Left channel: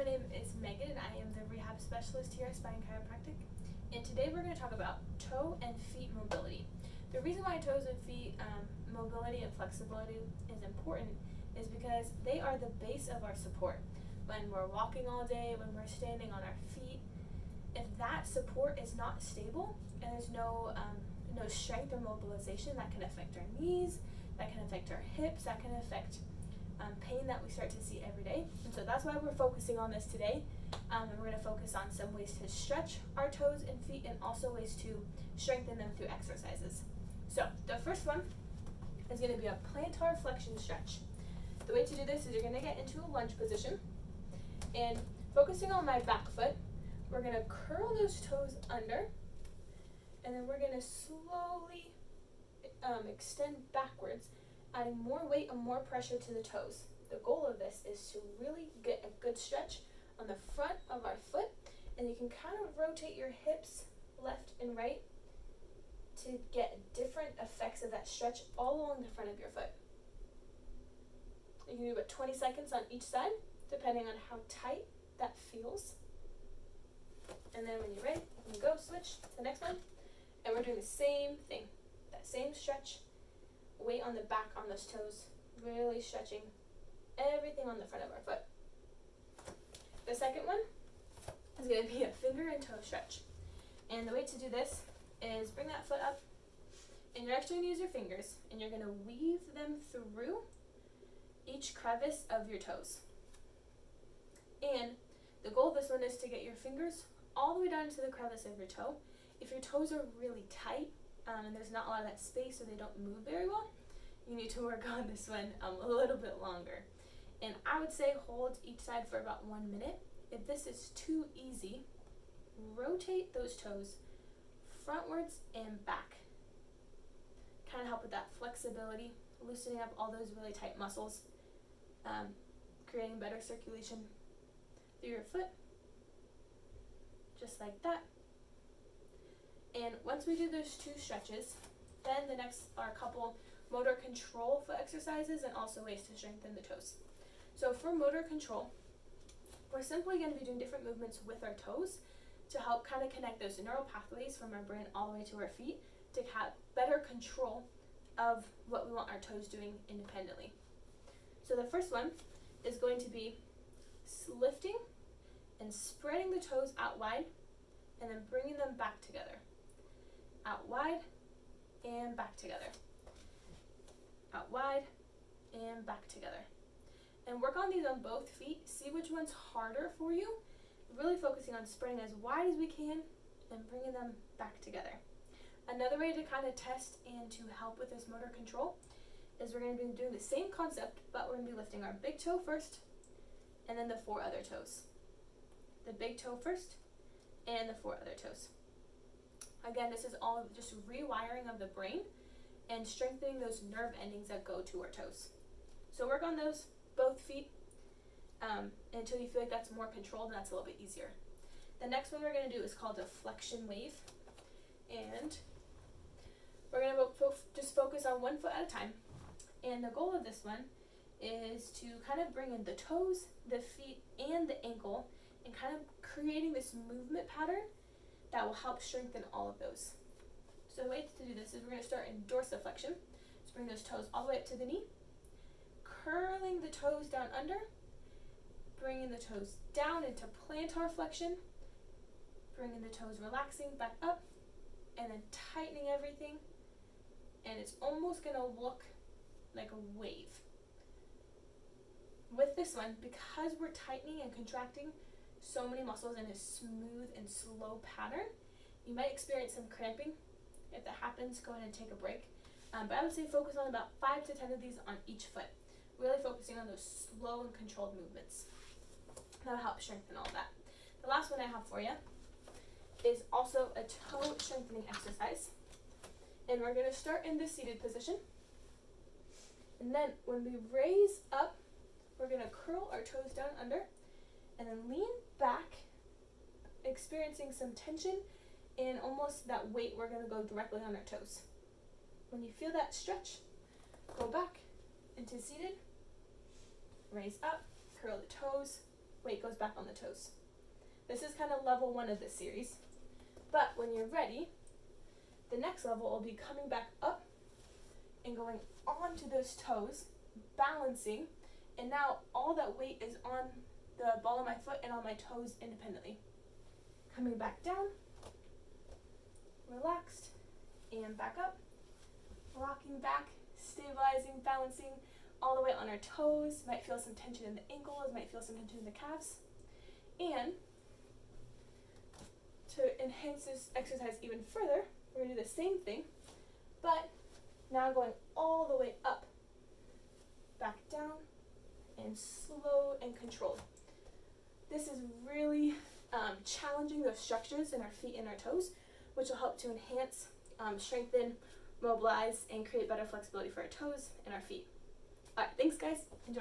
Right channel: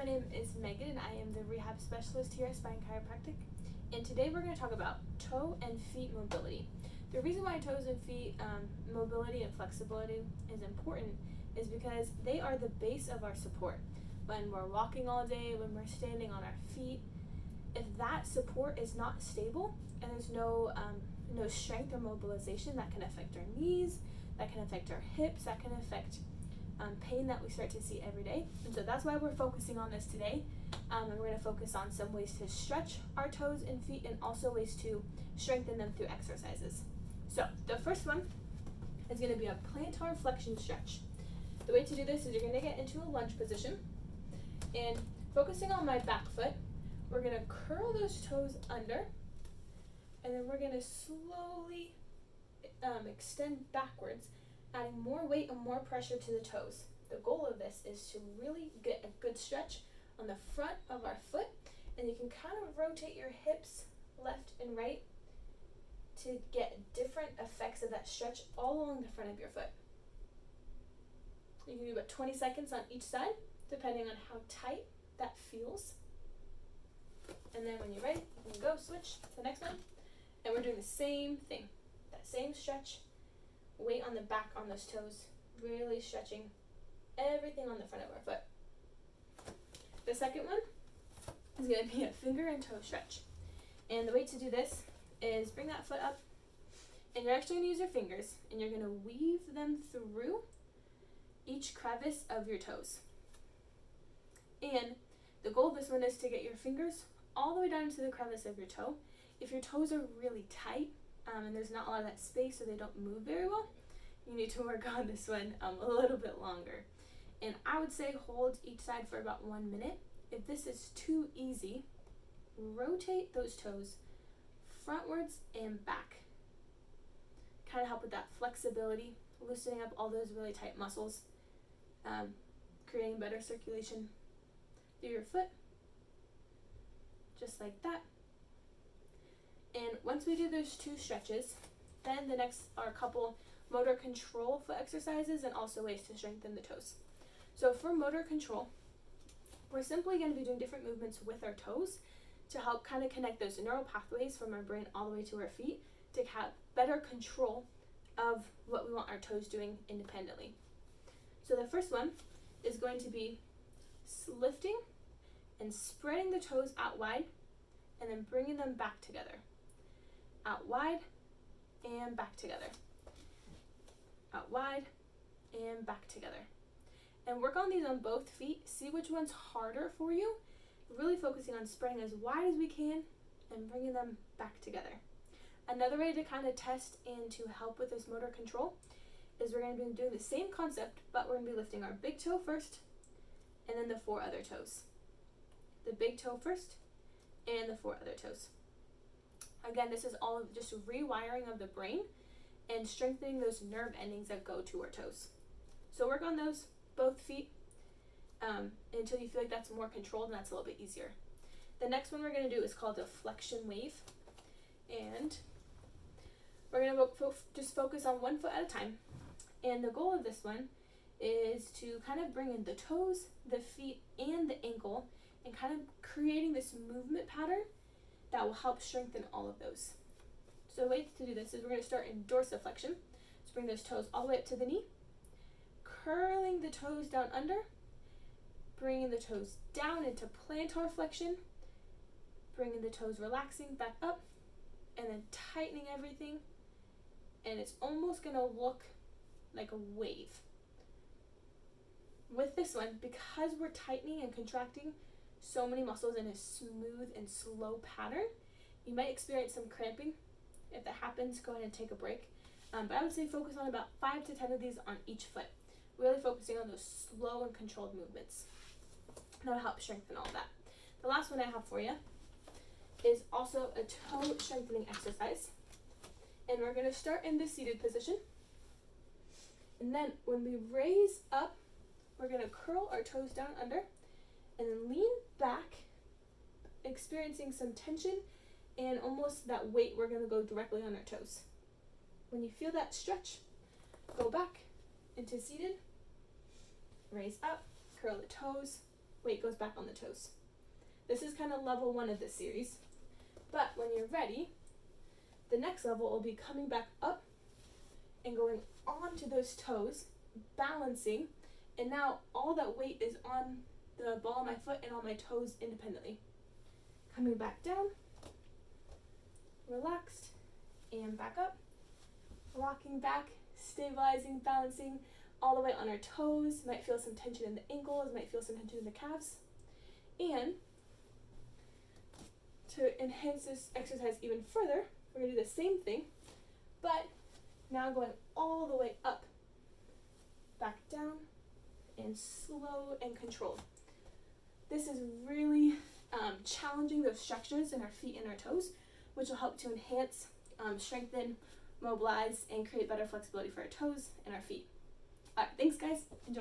my name is Megan and I am the rehab specialist here at Spine Chiropractic. And today we're going to talk about toe and feet mobility. The reason why toes and feet mobility and flexibility is important is because they are the base of our support. When we're walking all day, when we're standing on our feet, if that support is not stable and there's no strength or mobilization, that can affect our knees, that can affect our hips, that can affect pain that we start to see every day. And so that's why we're focusing on this today. And we're going to focus on some ways to stretch our toes and feet and also ways to strengthen them through exercises. So the first one is going to be a plantar flexion stretch. The way to do this is you're going to get into a lunge position and focusing on my back foot, we're going to curl those toes under and then we're going to slowly extend backwards, adding more weight and more pressure to the toes. The goal of this is to really get a good stretch on the front of our foot, and you can kind of rotate your hips left and right to get different effects of that stretch all along the front of your foot. You can do about 20 seconds on each side, depending on how tight that feels. And then when you're ready, you can go switch to the next one, and we're doing the same thing, that same stretch. Weight on the back on those toes, really stretching everything on the front of our foot. The second one is going to be a finger and toe stretch. And the way to do this is bring that foot up, and you're actually going to use your fingers, and you're going to weave them through each crevice of your toes. And the goal of this one is to get your fingers all the way down to the crevice of your toe. If your toes are really tight, and there's not a lot of that space or they don't move very well, you need to work on this one a little bit longer. And I would say hold each side for about 1 minute. If this is too easy, rotate those toes frontwards and back. Kind of help with that flexibility, loosening up all those really tight muscles, creating better circulation through your foot, just like that. And once we do those two stretches, then the next are a couple motor control foot exercises and also ways to strengthen the toes. So for motor control, we're simply going to be doing different movements with our toes to help kind of connect those neural pathways from our brain all the way to our feet to have better control of what we want our toes doing independently. So the first one is going to be lifting and spreading the toes out wide and then bringing them back together. Out wide and back together. Out wide and back together. And work on these on both feet. See which one's harder for you. Really focusing on spreading as wide as we can and bringing them back together. Another way to kind of test and to help with this motor control is we're going to be doing the same concept, but we're going to be lifting our big toe first and then the 4 other toes. The big toe first and the 4 other toes. Again, this is all just rewiring of the brain and strengthening those nerve endings that go to our toes. So work on those, both feet, until you feel like that's more controlled and that's a little bit easier. The next one we're going to do is called a flexion wave. And we're going to just focus on 1 foot at a time. And the goal of this one is to kind of bring in the toes, the feet, and the ankle and kind of creating this movement pattern that will help strengthen all of those. So the way to do this is we're going to start in dorsiflexion. So bring those toes all the way up to the knee, curling the toes down under, bringing the toes down into plantar flexion, bringing the toes relaxing back up, and then tightening everything. And it's almost going to look like a wave. With this one, because we're tightening and contracting so many muscles in a smooth and slow pattern, you might experience some cramping. If that happens, go ahead and take a break. But I would say focus on about 5 to 10 of these on each foot, really focusing on those slow and controlled movements. That'll help strengthen all of that. The last one I have for you is also a toe strengthening exercise. And we're going to start in the seated position. And then when we raise up, we're going to curl our toes down under and then lean back, experiencing some tension and almost that weight, we're going to go directly on our toes. When you feel that stretch, go back into seated, raise up, curl the toes, weight goes back on the toes. This is kind of level 1 of this series. But when you're ready, the next level will be coming back up and going onto those toes, balancing, and now all that weight is on the ball of my foot and on my toes independently. Coming back down, relaxed, and back up, rocking back, stabilizing, balancing, all the way on our toes. Might feel some tension in the ankles, might feel some tension in the calves. And to enhance this exercise even further, we're going to do the same thing, but now going all the way up, back down, and slow and controlled. This is really challenging those structures in our feet and our toes, which will help to enhance, strengthen, mobilize, and create better flexibility for our toes and our feet. All right, thanks guys. Enjoy.